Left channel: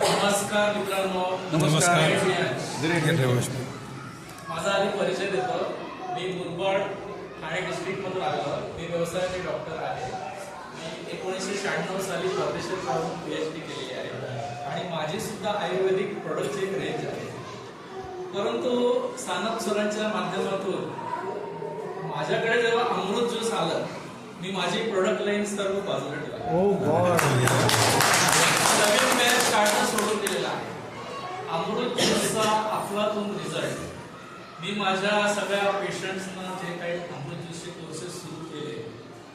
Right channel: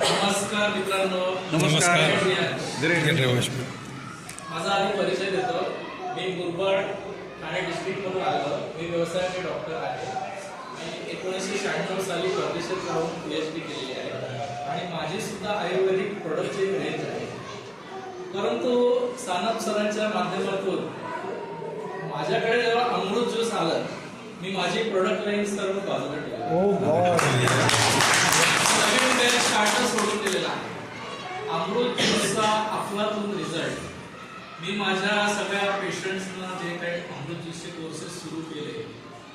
नमस्कार मित्रांनो. नमस्कार. माझा आधी परिचय देतो. मी मुरबाड ठाणे डिस्ट्रिक्टमधून आलो मी व्यवसायाचे डॉक्टर आहे. मी एकोणीसशे शहाण्णव साली परदेशात राहून पी एच डी केलेली आहे. आणि माझी सुद्धा आयुर्वेदिक प्रोडक्टची एक रेंज आहे. परंतु सानप सरांच्या माध्यमातून माझ्याकडे जेव्हा अमृत ज्यूस आलं मी माझी प्रोडक्ट रेंज सर्व बाजूला ठेवली. मी माझ्या सगळ्या पेशंट्सना जे काही अमृत ज्यूसचे कोर्सेस सुरू केले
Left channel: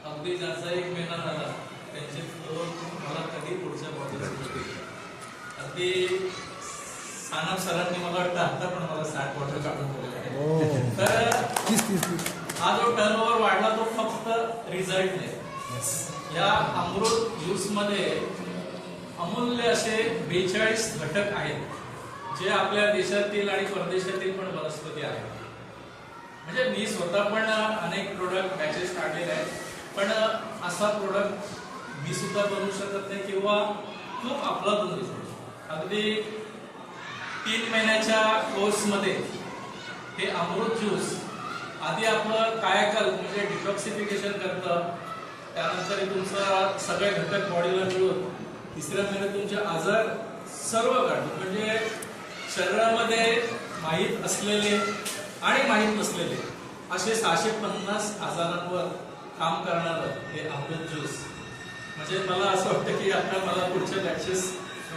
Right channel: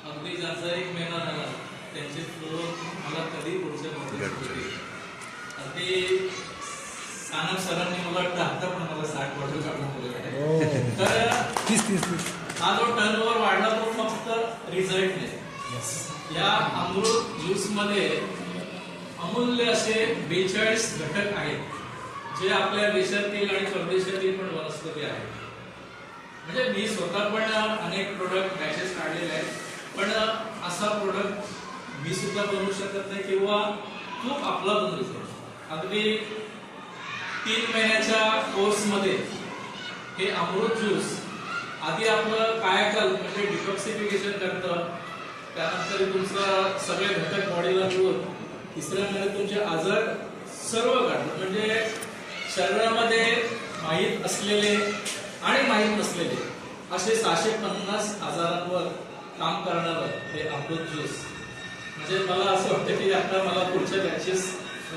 अगदी ज्याचा एक महिना झाला त्यांचे फ्लो मला कधी पुढच्या मध्ये अगदी साना सरांनी मला वाटतं आता पण मला साठ वर्ष काढून आहे ओ तर हा जो टर्नओव्हर वाढला तो फक्त रिझल्टने या अमृत ज्यूसमध्ये अमूल्य असे बेचाळीस घटक आहेत. जे आपल्या देशातील आणि परदेशातील पण वनस्पती आहेत. म्हणजे मी स्वतः पण अनेक प्रोडक्ट बॅचेस काढलेले आहेत. पण असा प्रोडक्ट मी सुद्धा बनवू शकत नाही किंवा खूप आपला बनवू शकतो अगदी तीन महिन्याच्या कोर्समध्ये हे अमृत ज्यूस आधी आपलं कायाकल्प म्हणजे डिटॉक्सिफिकेशन करतं. त्यानंतर तुमचा सगळे घटक बॉडीला मिळून तिसऱ्या महिन्यात तुमचे आजार सर्व काढतो म्हणजे शरीरामध्ये माहीत असलेले आणि माहीत नसलेले असे सहाशे पन्नास आजारांवर काम करणारं हे अमृत ज्यूस. म्हणजे मला असं वाटतं की आता मला पुढच्या बॅचेस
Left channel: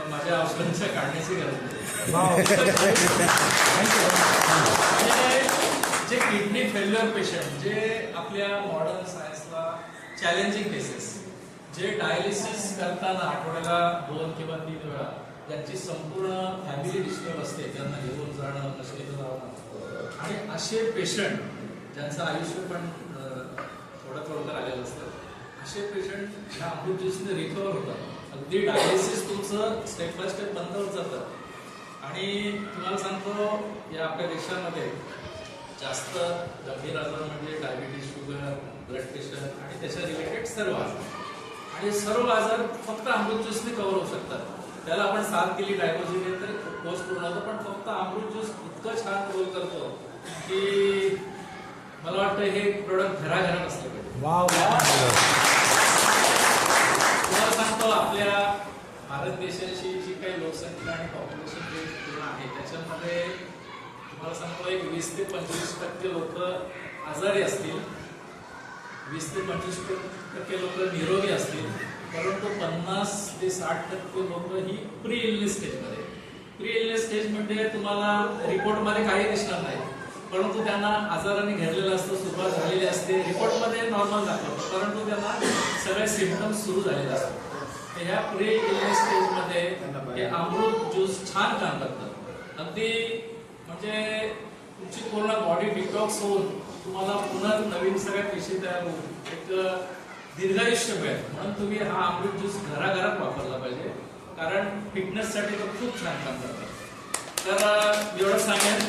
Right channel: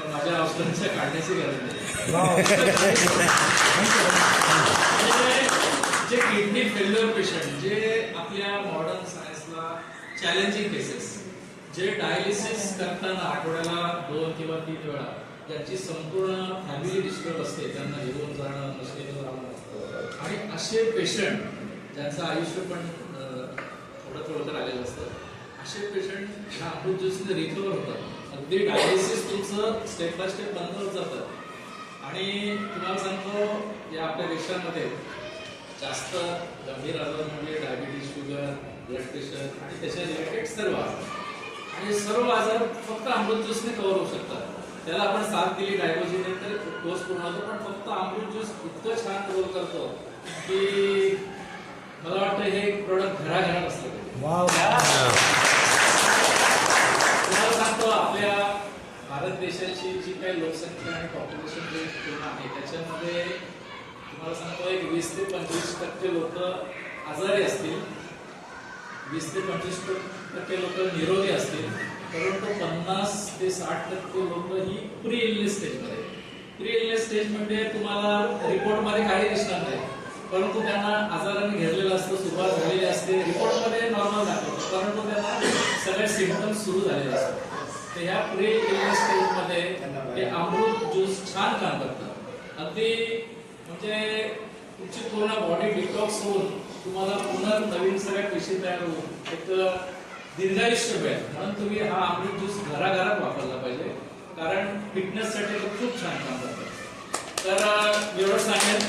माझ्या औषधांच्या काढण्याची गरज नाही. त्यामुळे जे किडनी फेल्युअर पेशंट जे आपल्या मॉडर्न सायन्सला चॅलेंजिंग केसेस जे डायलिसिस करताना आठवड्याला दोन किंवा तीन वेळा ज्यांची संपूर्ण फॅमिली डिस्टर्ब असते त्यांना घेऊन जाणं मशिनीतून आणि असे पेशंट ज्यांचं आयुष्य पण थोडं थोडं तर आलेलं असतं असे पेशंट ह्या अमृत ज्यूसने रिकवर होतात. अगदी डायलिसिस तुमचं स्टेप बाय स्टेप बंद होत जातं. आणि तुम्हाला सांगतो या आपल्या देशामध्ये जास्त गंभीर आजार म्हणजे डायबिटीज शुगर ब्लड प्रेशर आणि त्याच्या रिलेटेड सर्व आजार. आणि सर्व आजार फक्त अमृत ज्यूसने कव्हर होऊ शकतात. त्याला आपण साथ केली डायबोजीने तर कोर्स पूर्ण होतो? पण फक्त अमृत ज्यूस इतकं छान कव्हर करतो की मला वाटतं हे प्रोडक्ट घराघरात असलं तुम्हाला सांगतो आपल्या भारत देशाची जी काही लोकसंख्या आणि पॉप्युलेशन आहे त्याच्यामध्ये तुम्हाला सांगतो एक वीस ते पंचवीस टक्के लोक आजारी असतील. वीस ते पंचवीस टक्के लोक निरोगी असतील. ते की लोक ही प्री इलनेस स्टेजमध्ये प्री इलनेस स्टेज म्हणजे तुम्हाला रिपोर्टमध्ये काही दिसणार नाही. परंतु त्यांना आजाराने घेरलेलं असतं सुरुवात झालेली असते. रिपोर्टमध्ये नॉर्मल दाखवतं परंतु त्यांना सगळे सिम्पटम्स सुरू झालेले असतात. तर ह्या प्री इलनेस स्टेजमध्ये हे अमृत ज्यूस छान काम करतं. अगदी म्हणजे तुमची पूर्ण बॉडी डिटॉक्स होऊन तुम्हाला पुन्हा नवीन सगळ्या पेशी तयार होऊन एक दीर्घायुष्य मिळेल. म्हणून तुम्ही हा अमृत ज्यूस घराघरात वापरला पाहिजे. कारण फिटनेससाठी खूप छान काम करतात तर एवढं सांगेल